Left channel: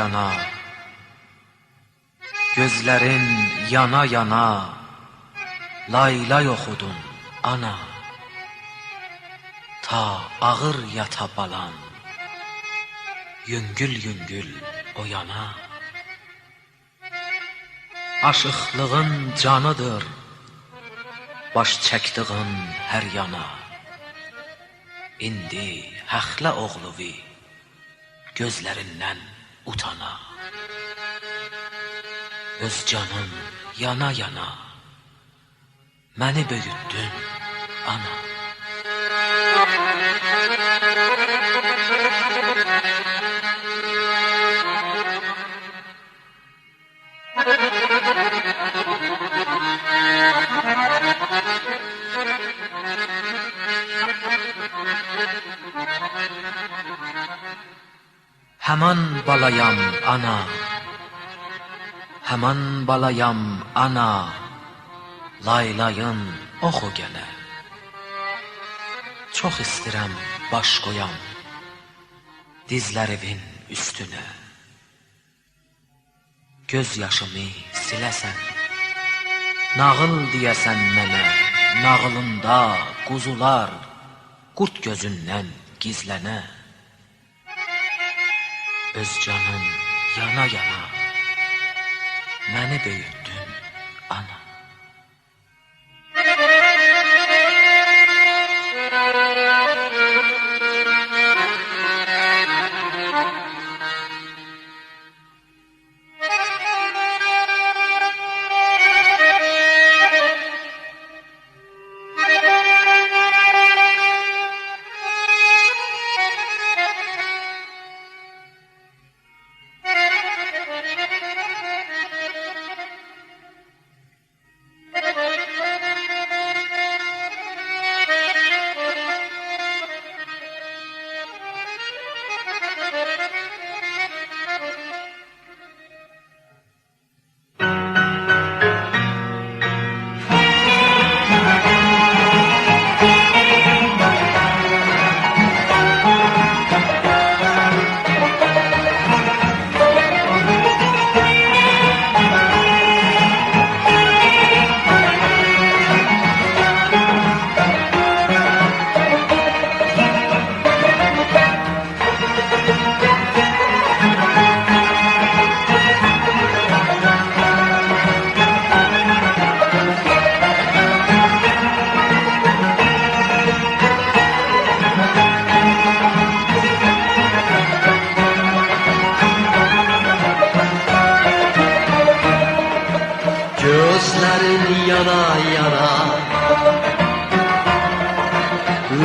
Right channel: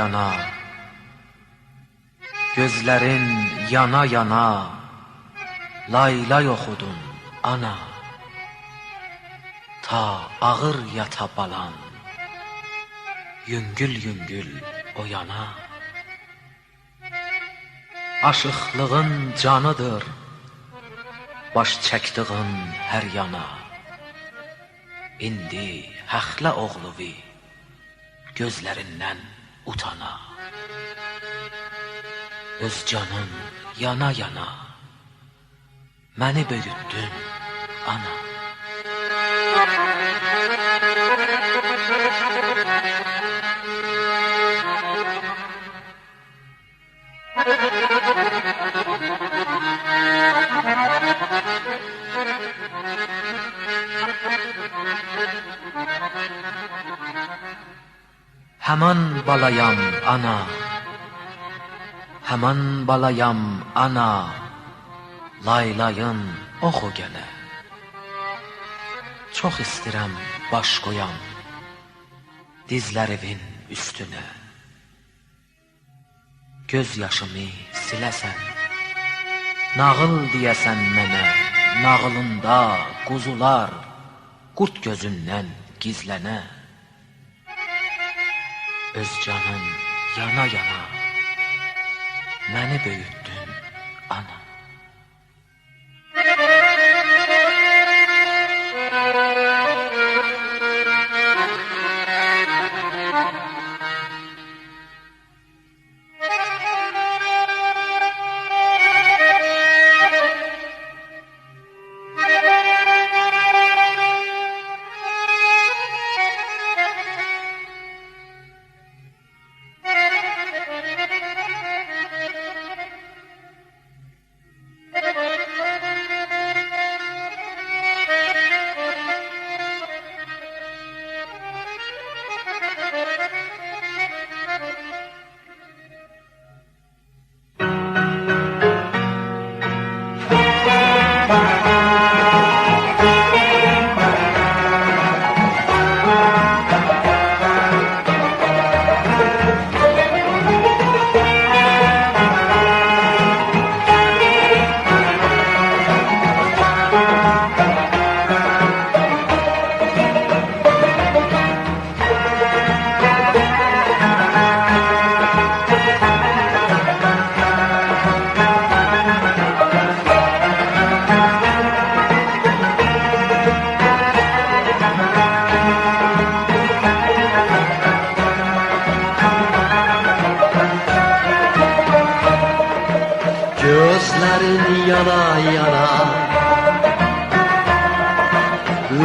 yana, gözlerin yana yana, laylay okudun ana. Ta ağır yata balan, yüngül yüngül o yana. Aşıqlığın canıdır, baş çəkdiğin her yana. İndi həxlə oğluvi, gözlərindən utana. Öz canın yana yana, məni böyütdün ana. Həman balayam ana, həman balayam ana, laylayın oxu gələ. Çox istirəm baş qoyam dizlərimin üstünə. Göz yaşımı siləsən, nağıl deyəsən mənə. Nağılında quzular qurt gözündən gizlənə. Öz canın yana yana, məni böyütdün ana.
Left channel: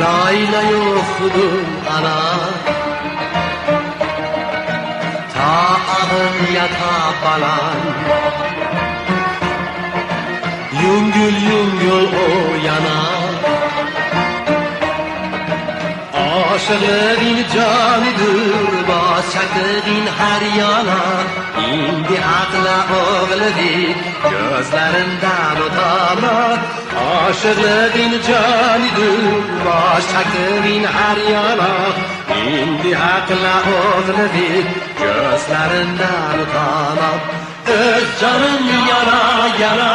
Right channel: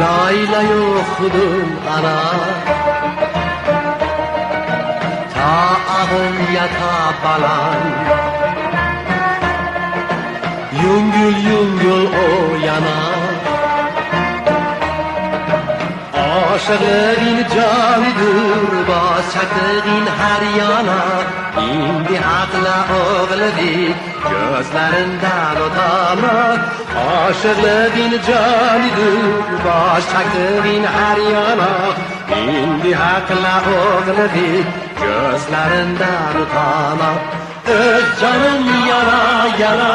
Laylay okudun ana, ta ağır yata balan, yüngül yüngül o yana. Aşığın canıdır, başakın her yana. İndi akla oğluvi, gözlerinden utanma. Aşığın canıdır, başakın her yana. İndi akla oğluvi, gözlerinden utanma. Öz canım yana yana,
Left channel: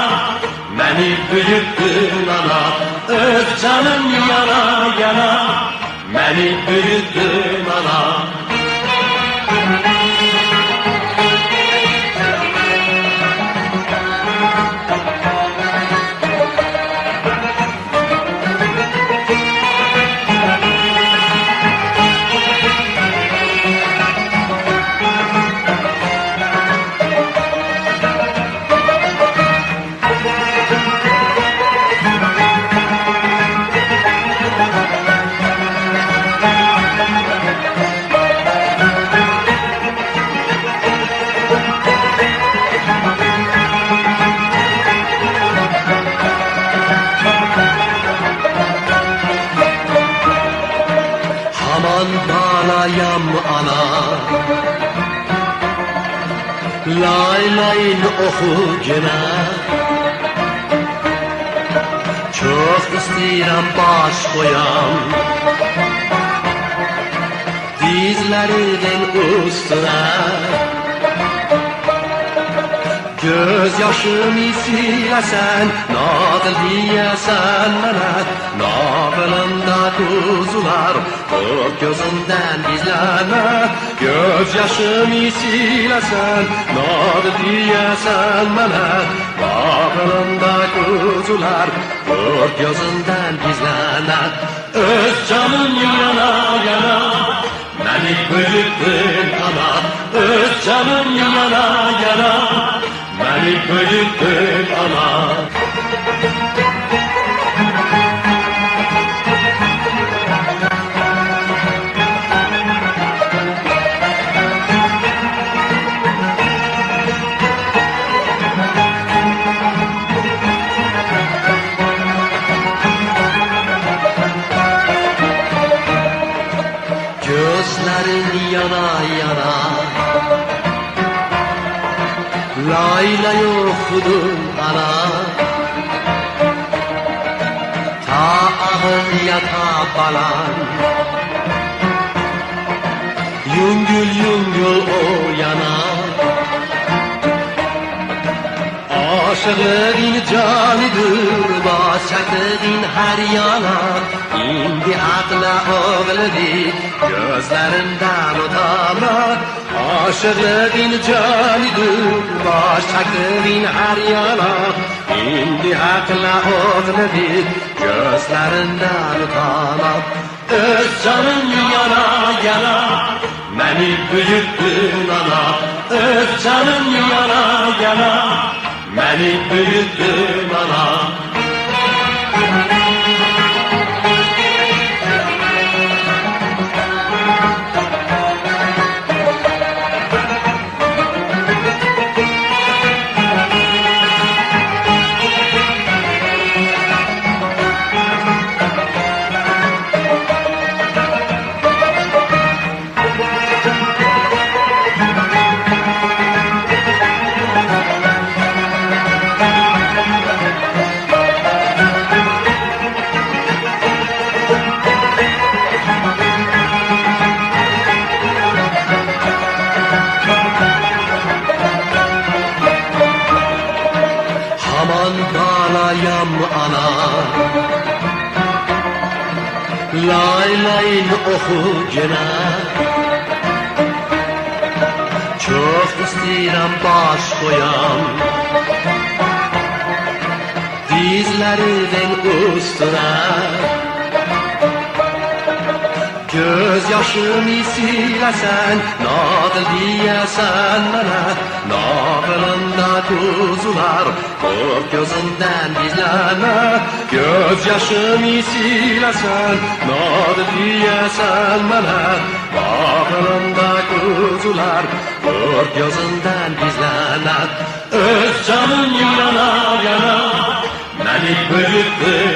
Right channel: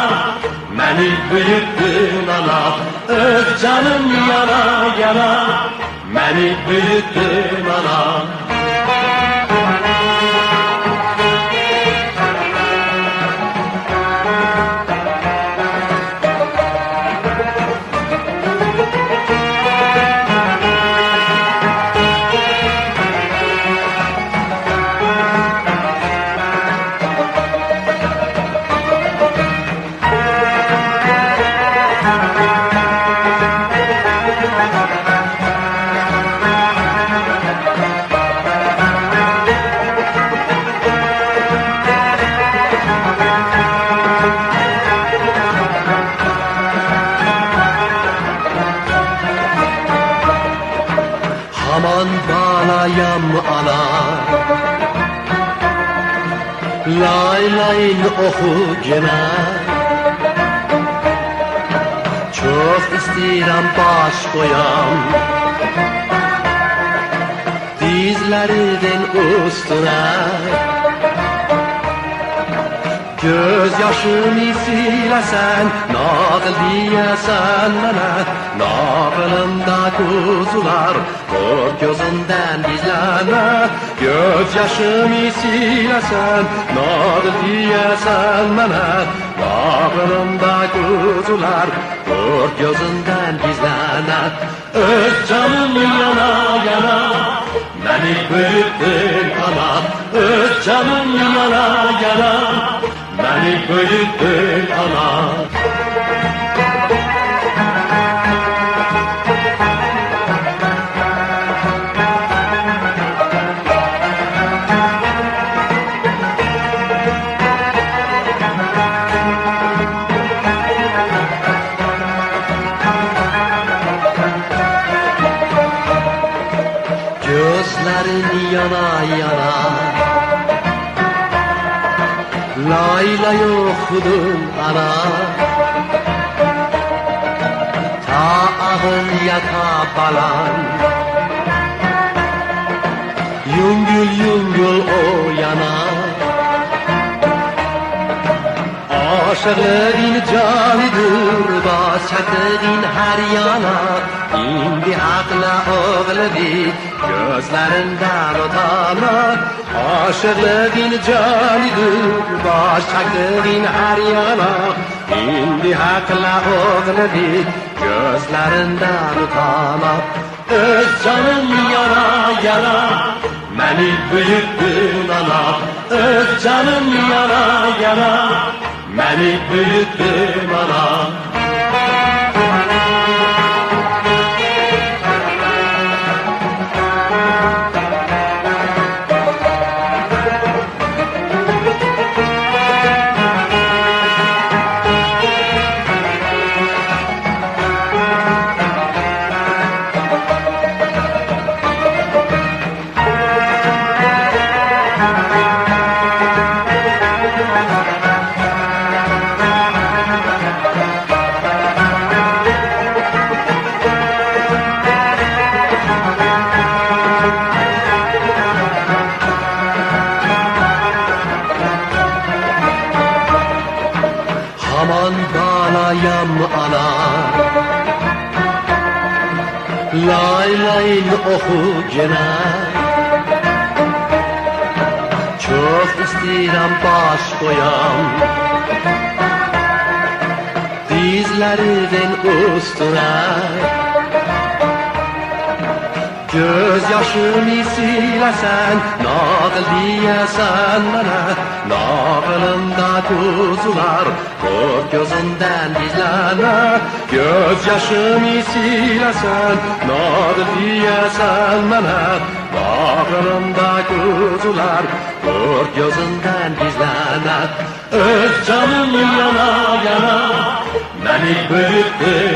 beni büyüttün ana. Öz canım yana yana, beni büyüttün ana. Laylayın oku gelen, çok istirem baş koyan, dizlerinin üstüne. yaşımı silesen, nağıl diyesen bana, nağılımda kuzular, o gözünden izleme. Göz yaşımı silesen, nağıl diyesen bana, nağılımda kuzular, o gözünden izleme. Öz canım yana yana, beni bülbül ana, öz canım yana yana, beni bülbül ana. Gözlerin yana yana, Layla yokudun ana. Ta ağır yata falan, Yüngül yüngül o yana. Aşığın canıdır, başakın her yana. İndi akla oğladı, gözlerinden utanma. Aşığın canıdır, başakın her yana. İndi akla oğladı, gözlerinden utanma. Öz canım yana yana, beni bülbül ana. Öz canım yana yana, beni bülbül ana. Aman ağlayam ana, lay lay oku gene. Çok istirem baş koyam, dizlerinin üstüne. Göz yaşımı silesen, nağıl diyesen bana, nağılımda kuzular, o gözünden izleme. Göz yaşımı silesen, nağıl diyesen bana, nağılımda kuzular, o gözünden izleme. Öz canım yana yana, beni bülbül